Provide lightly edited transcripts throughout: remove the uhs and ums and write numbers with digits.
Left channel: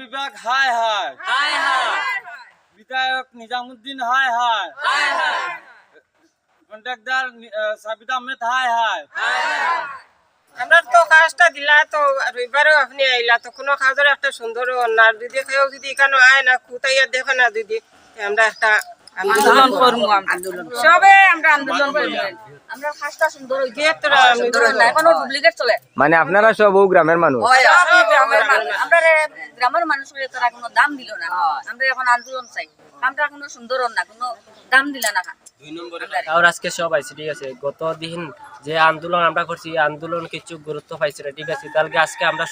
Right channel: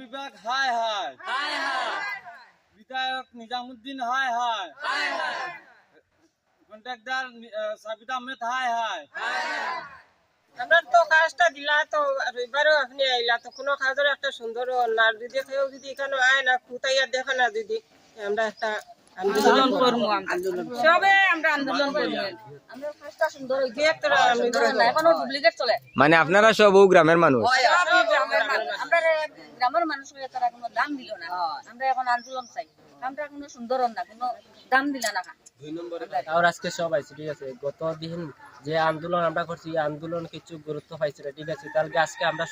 বিভাগ হায় হায় হায় হায় বিধায়ক নিজামুদ্দিন হায় হায় হায় হায় কন্ট্রাক্টর সাবিত আহমেদ হায় হায় আমরা তো কাজটা দিলা তো রবিবারও আপনি আইলা তো কোনো কাজের একটা সুন্দর না যদি কেউ যদি এখানে আয় না কুতাইয়া দেখো না দিদি আমরা একটা আন্দোলন করবো সবে আমরা আন্দোলন করবো আমরা কাজটা সুন্দর হইছে আমরা এখনো ডুপ্লিকেট চলে মানে আপনারা সব গ্রামের মানুষ আমরা গ্রামের মানুষের তারা কোনো দাম দিল না আমরা এখন আন্দোলন চাই কামটা কোনো সুন্দর না কোনো দাম দিলা না আর আজকে সব আইছে ঠিক আছে গত দিন যে আন্দোলন আমরা করছি আন্দোলন কিছু গুরুত্ব পাইছে না ঠিক আছে তাহলে আজকে আমরা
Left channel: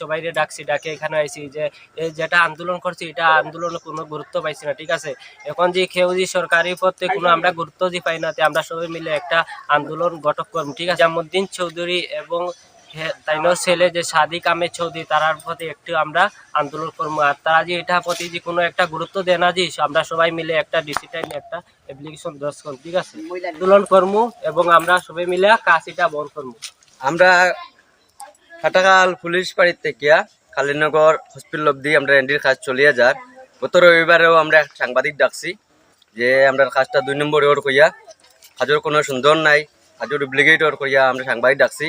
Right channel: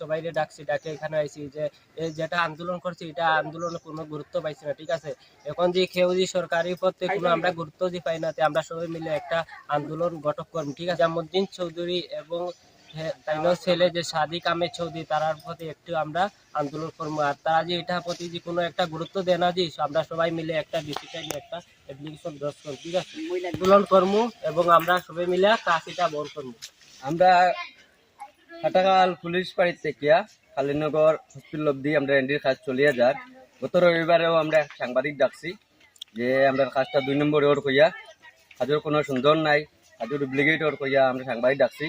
সবাই ডাকছি ডাকে এখানে আইছি যে এই যেটা আন্দোলন করছি এটা আন্দোলনে কোনো গুরুত্ব পাইছে না ঠিক আছে এখন যে কেউ যে সরকারি পথে কোনো আমরা গুরুত্ব দিয়ে পাই না আমরা সবাই মিলে একটা আন্দোলন গঠন করব ঠিক আছে জামুদ্দিন চৌধুরী এবং তাইনোর ছেলে যে সাদিক আহমেদ চৌধুরী তারার প্রতি একটু আমরা আন্দোলন করবো আর তারা যে এটা প্রতি যে কোনো একটা গুরুত্ব দেয় না যে আমরা সবাই মিলে একটা ডিজিটাল একটা অ্যাপ্লিকেশন দশ করব ঠিক আছে আন্দোলন করবো এবং আমরা সবাই মিলে কাজ এটা বন্ধ করবো। আমরা হাটাকাল পুলিশ বাড়ির থেকে কালীনগর হসপিটাল অব্দি আমরা এন্ডির কাজ চলিয়ে যার গত রবিবারেও আমরা সাংবাদিক ডাকছি যে আমরা কাজটা 2 নম্বর ওর কইয়া কাজের কোনো সুন্দর নাই কাজের ডুপ্লিকেট ওর কইয়া আমরা সাংবাদিক ডাকছি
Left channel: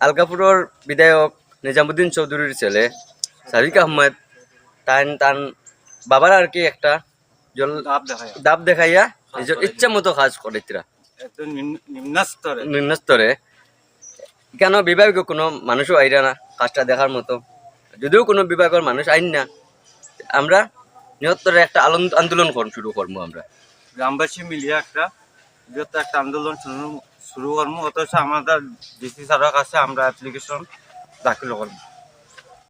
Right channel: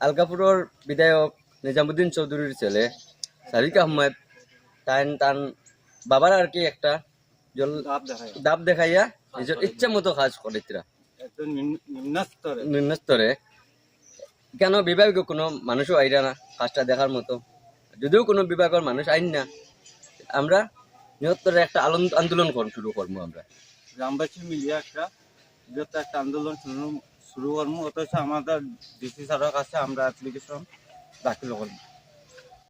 আলকাপুরের বিধায়ক নিজামুদ্দিন চৌধুরীর ছেলে সাদিক আহমেদ তান বাবার আর কি একটা দাব দেখাইয়া নিজের ইচ্ছা মতো কাজ করে নিম্ন স্তরে কেন বিভাগীয় কোনো মানুষও আইরা না কাজটা দেখার মতো যদিও কোনো বিভাগের মানুষ আইন না আমরা নিহত্তরে একটা আন্দোলন শুরু করবো আমরা গ্রামবাসী মিলিয়ে একটা বৃহত্তর একটা আন্দোলন শুরু করবো অথচ আমাদের ডিসি স্যারের কাছে আমরা অ্যাপ্লিকেশন দাখিল করবো।